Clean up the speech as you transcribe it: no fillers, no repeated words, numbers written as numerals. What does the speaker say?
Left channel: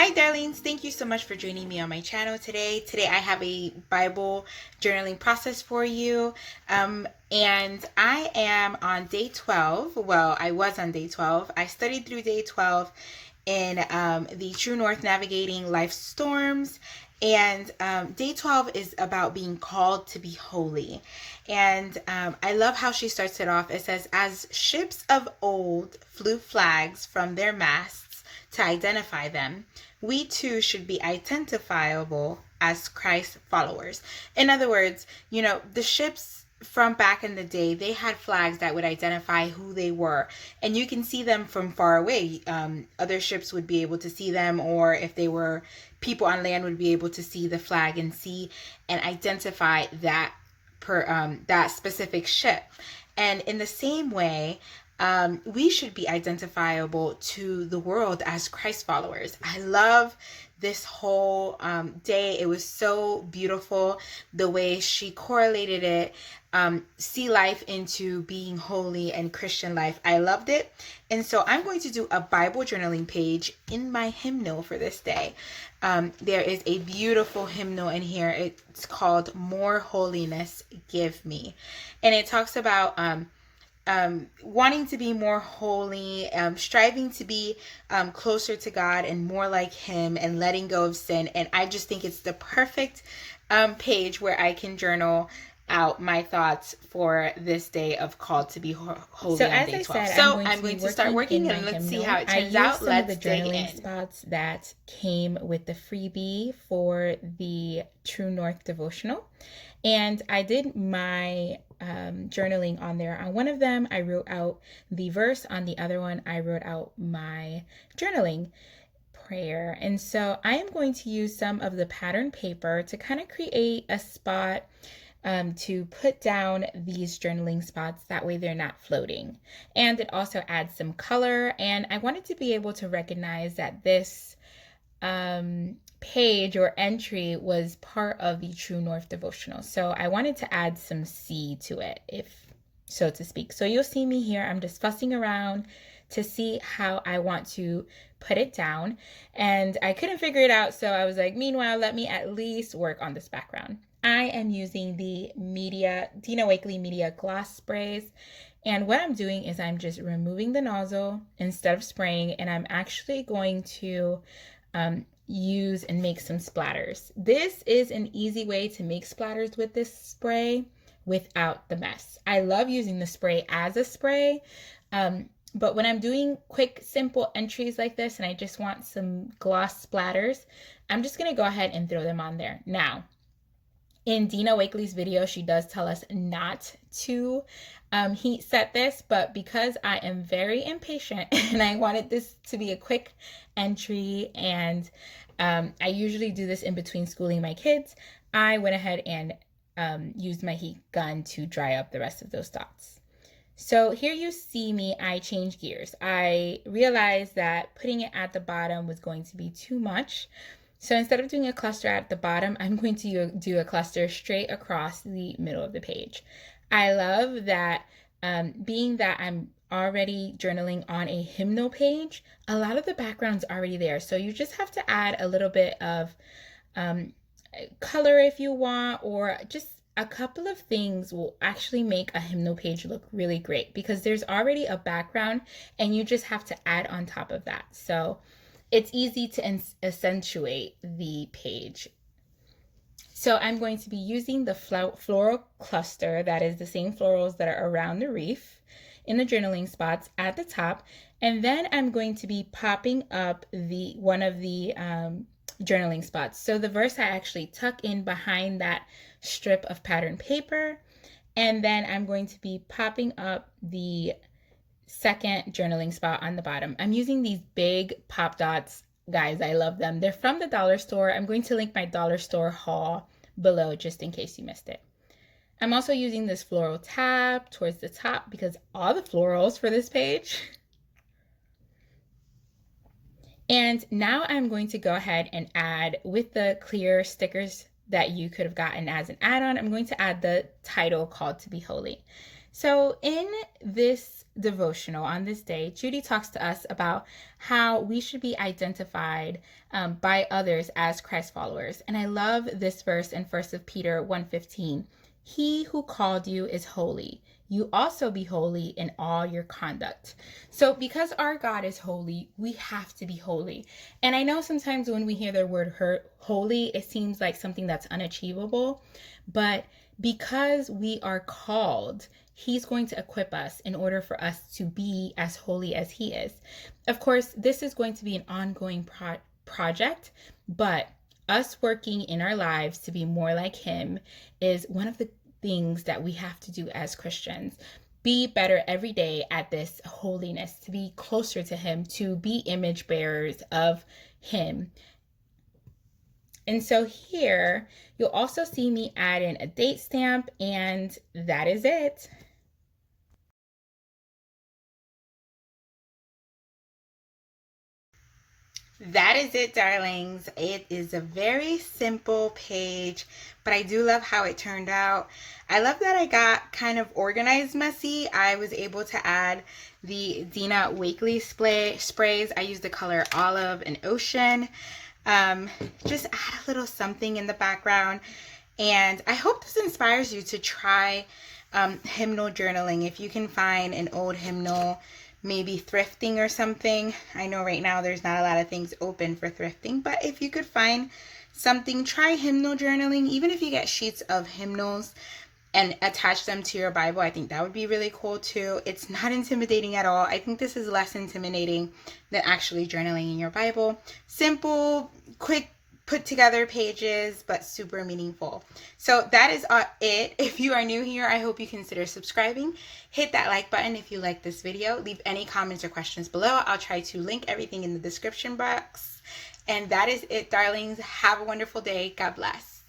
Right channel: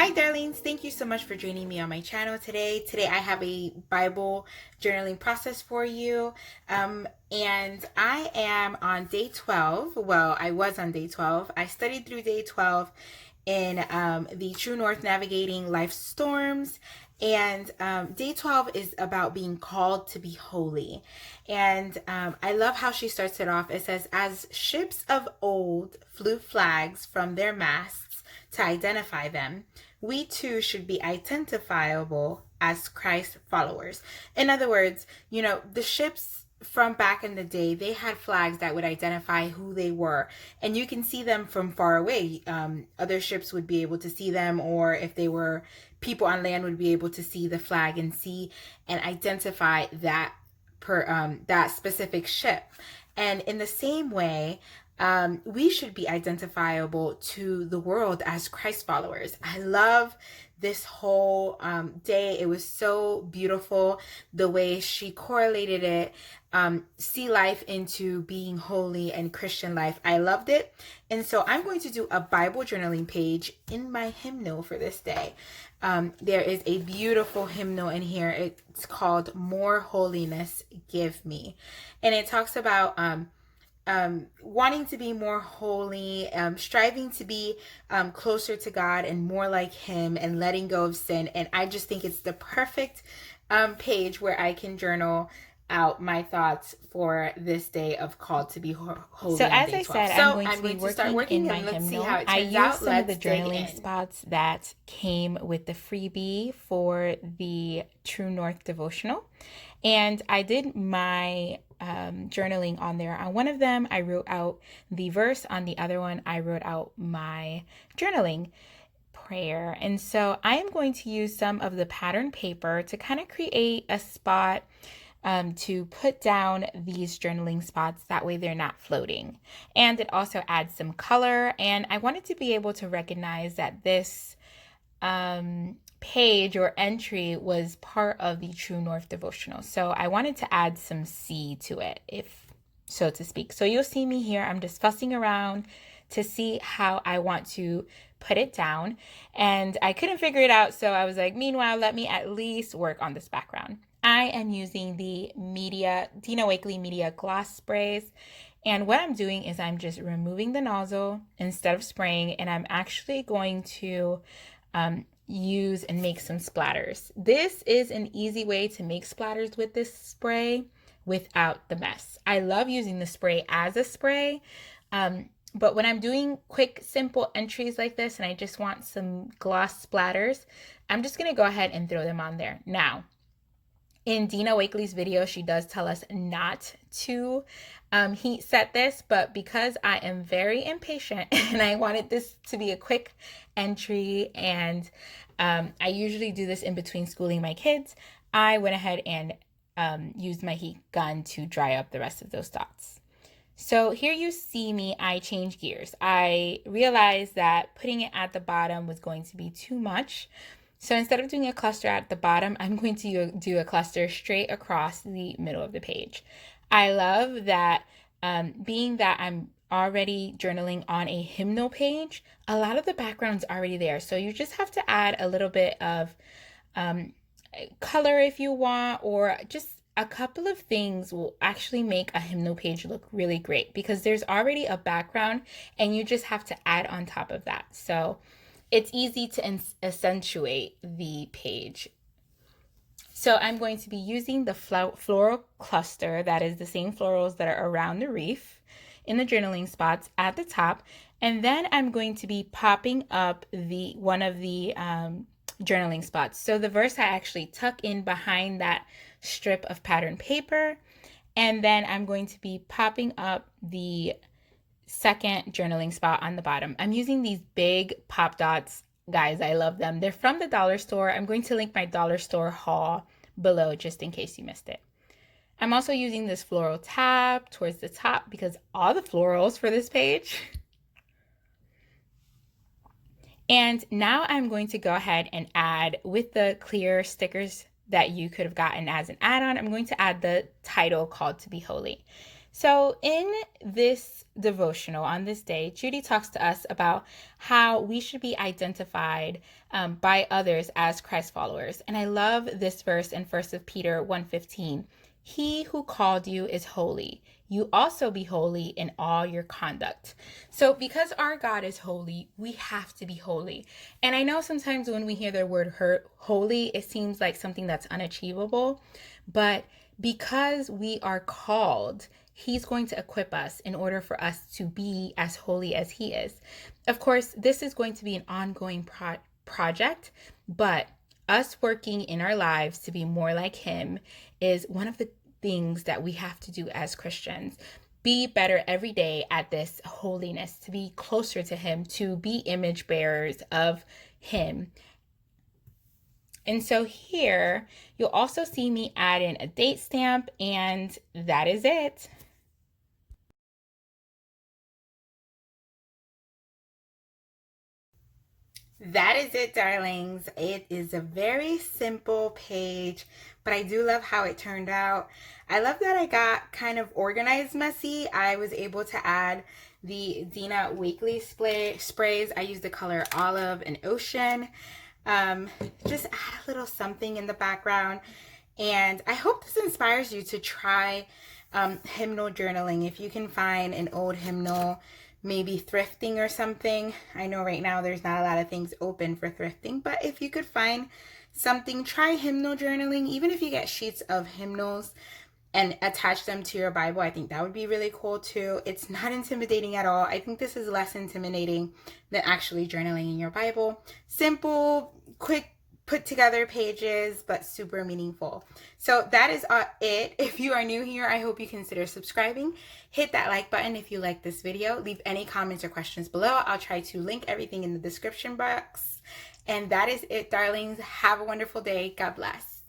Hi darlings, thank you so much for joining me on my channel today. Today I have a Bible journaling process for you. And I am on day 12. Well, I was on day 12. I studied through day 12 in the True North Navigating Life's Storms. And day 12 is about being called to be holy. And I love how she starts it off. It says, as ships of old flew flags from their masts to identify them, we too should be identifiable as Christ followers. In other words, the ships from back in the day, they had flags that would identify who they were, and you can see them from far away. Other ships would be able to see them, or if they were people on land, would be able to see the flag and see and identify that that specific ship. And in the same way, we should be identifiable to the world as Christ followers. I love this whole day. It was so beautiful the way she correlated it, sea life into being holy and Christian life. I loved it. And so I'm going to do a Bible journaling page in my hymnal for this day. There is a beautiful hymnal in here. It's called More Holiness Give Me. And it talks about wanting to be more holy, striving to be closer to God and more like Him, and letting go of sin. And I just think it's the perfect page where I can journal out my thoughts for this day of called to be holy So on as day I 12. said, So I'm going to start working, in and my let's see hymnal. how it I turns used out. some of Let's the dig journaling in. spots that came with the freebie for the True North devotional. And I did my journaling on there. On one of them, I wrote out the verse. On the other one, I wrote out my journaling prayer. And so I am going to use some of the pattern paper to kind of create a spot to put down these journaling spots. That way they're not floating. And it also adds some color. And I wanted to be able to recognize that this page or entry was part of the True North devotional. So I wanted to add some C to it, if so to speak. So you'll see me here. I'm just fussing around to see how I want to put it down. And I couldn't figure it out. So I was like, meanwhile, let me at least work on this background. I am using the Dina Wakley Media Gloss Sprays. And what I'm doing is I'm just removing the nozzle instead of spraying. And I'm actually going to use and make some splatters. This is an easy way to make splatters with this spray without the mess. I love using the spray as a spray, but when I'm doing quick, simple entries like this and I just want some gloss splatters, I'm just gonna go ahead and throw them on there. Now, in Dina Wakley's video, she does tell us not to heat set this, but because I am very impatient and I wanted this to be a quick entry, and I usually do this in between schooling my kids, I went ahead and used my heat gun to dry up the rest of those dots. So here you see me, I change gears. I realized that putting it at the bottom was going to be too much. So instead of doing a cluster at the bottom, I'm going to do a cluster straight across the middle of the page. I love that being that I'm already journaling on a hymnal page, a lot of the background's already there. So you just have to add a little bit of color if you want, or just a couple of things will actually make a hymnal page look really great because there's already a background and you just have to add on top of that. So it's easy to accentuate the page. So I'm going to be using the floral cluster, that is the same florals that are around the reef in the journaling spots at the top. And then I'm going to be popping up one of the journaling spots. So the verse I actually tuck in behind that strip of pattern paper. And then I'm going to be popping up the second journaling spot on the bottom. I'm using these big pop dots. Guys, I love them. They're from the dollar store. I'm going to link my dollar store haul below just in case you missed it. I'm also using this floral tab towards the top because all the florals for this page. And now I'm going to go ahead and add, with the clear stickers that you could have gotten as an add-on, I'm going to add the title, Called to be Holy. So, in this devotional on this day, Judy talks to us about how we should be identified by others as Christ followers. And I love this verse in 1 Peter 1:15. He who called you is holy. You also be holy in all your conduct. So, because our God is holy, we have to be holy. And I know sometimes when we hear the word holy, it seems like something that's unachievable. But because we are called, He's going to equip us in order for us to be as holy as He is. Of course, this is going to be an ongoing project, but us working in our lives to be more like Him is one of the things that we have to do as Christians. Be better every day at this holiness, to be closer to Him, to be image bearers of Him. And so here, you'll also see me add in a date stamp, and that is it. That is it, darlings. It is a very simple page, but I do love how it turned out. I love that I got kind of organized messy. I was able to add the Dina Wakley sprays. I used the color olive and ocean. Just add a little something in the background. And I hope this inspires you to try hymnal journaling. If you can find an old hymnal, maybe thrifting or something. I know right now there's not a lot of things open for thrifting, but if you could find something, try hymnal journaling. Even if you get sheets of hymnals and attach them to your Bible, I think that would be really cool too. It's not intimidating at all. I think this is less intimidating than actually journaling in your Bible. Simple, quick, put together pages, but super meaningful. So that is it. If you are new here, I hope you consider subscribing. Hit that like button if you like this video. Leave any comments or questions below. I'll try to link everything in the description box. And that is it, darlings. Have a wonderful day. God bless.